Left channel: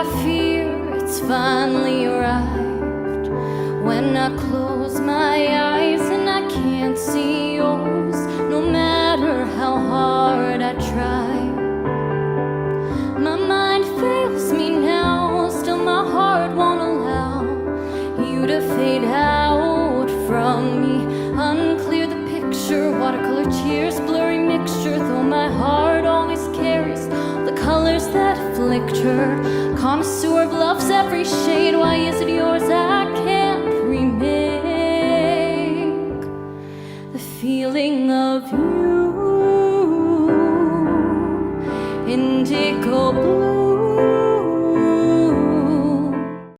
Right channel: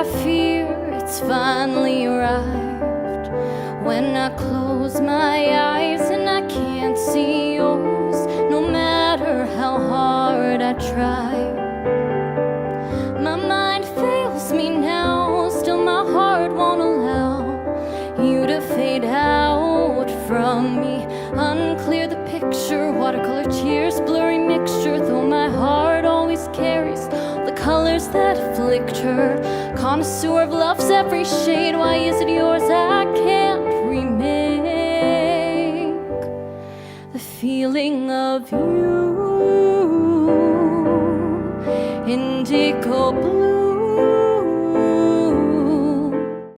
I fear it's finally arrived. When I close my eyes and I can't see yours, no matter how hard I try. My mind fails me now, still my heart won't allow you to fade out from me. Unclear the picture, watercolor tears, blurry mixture, though my heart always carries the colors that afflict her. Connoisseur of love's every shade, why is it yours I can't remake? The feeling of you, indigo blue.